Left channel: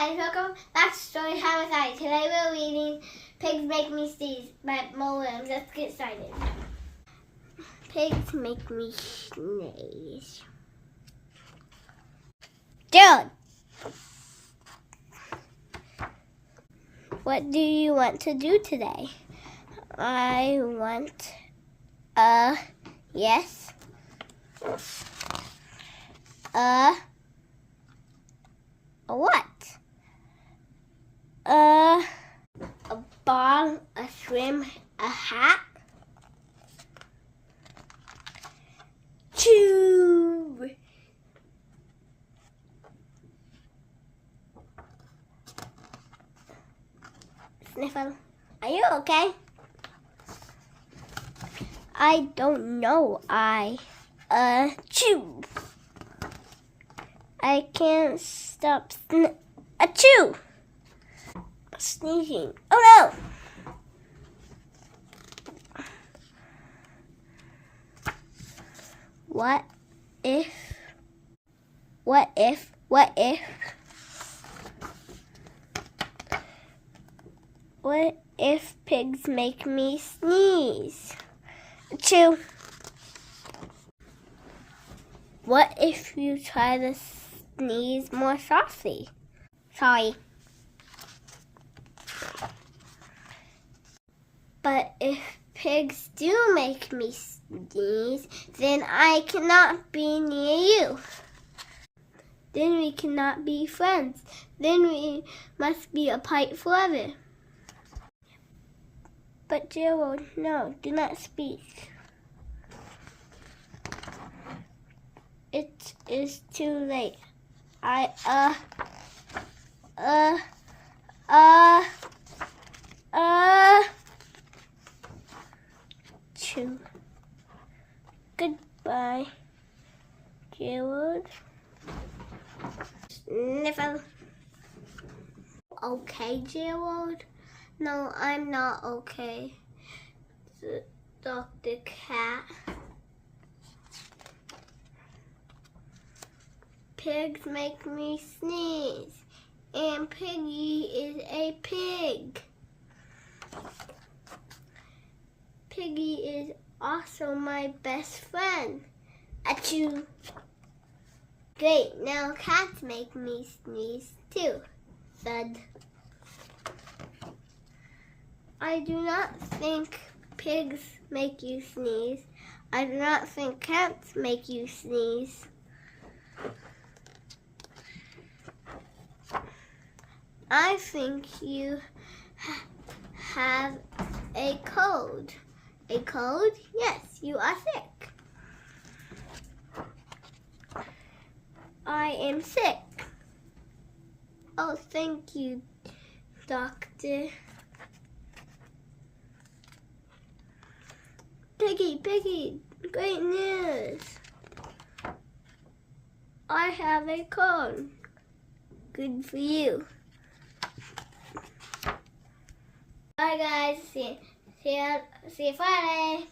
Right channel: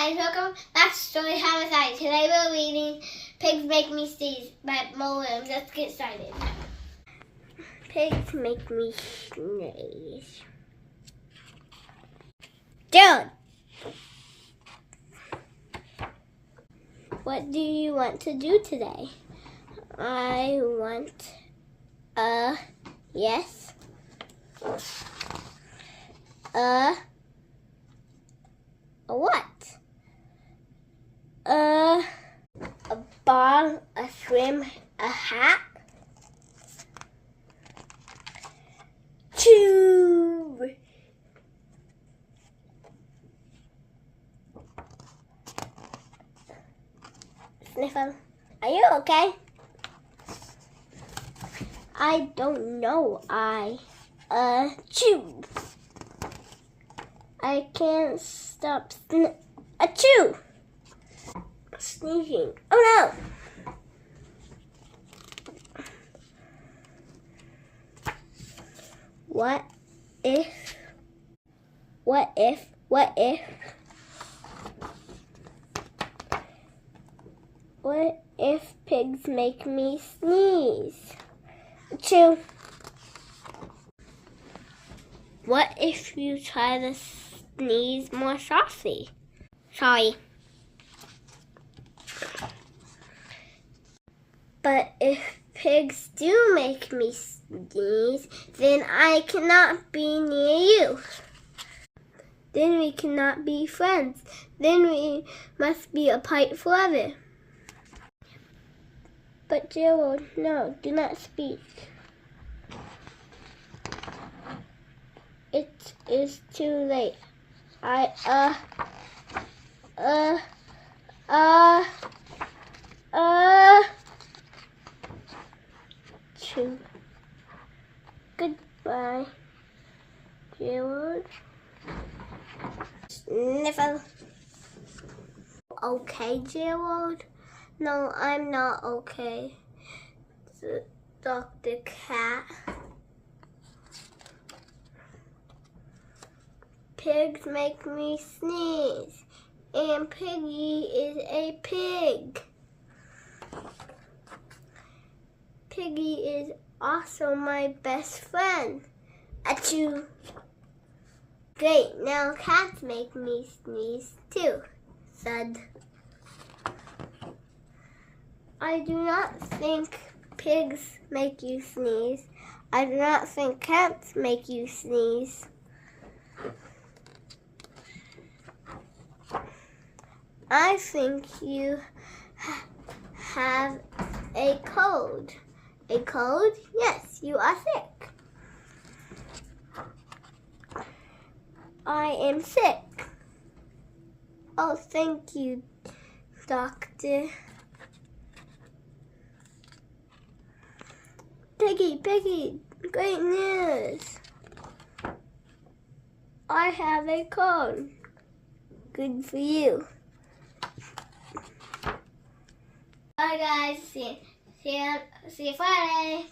guys, welcome back to Story Time with Addi. Today we're reading Pigs Make Me Sneeze by Willems. Let's get started. Pigs make me sneeze. Joan, what do you want to do today? I want a yes. A what? A ball, a swim, a hat. Tube. Sniffle. Are you okay? I don't know. Chew. I can't stop achoo! Sneezing. Oh no! What if pigs make me sneeze? Achoo! What if you try to sneeze more softly? Sorry. But if pigs do make me sneeze, then I cannot be near you. Then we cannot be friends. Then we must be apart forever. But Gerald, no, do not speak. It is too late. Chew. Goodbye, Gerald. Sniffle. Okay, Gerald? No, I'm not okay. Dr. Cat. Pigs make me sneeze, and Piggy is a pig. Piggy is also my best friend. Achoo! Great, now cats make me sneeze too. Thud. I do not think pigs make you sneeze. I do not think cats make you sneeze. I think you have a cold. A cold? Yes, you are sick. I am sick. Oh, thank you, doctor. Piggy, great news. I have a cold. Good for you. Bye guys, see you Friday.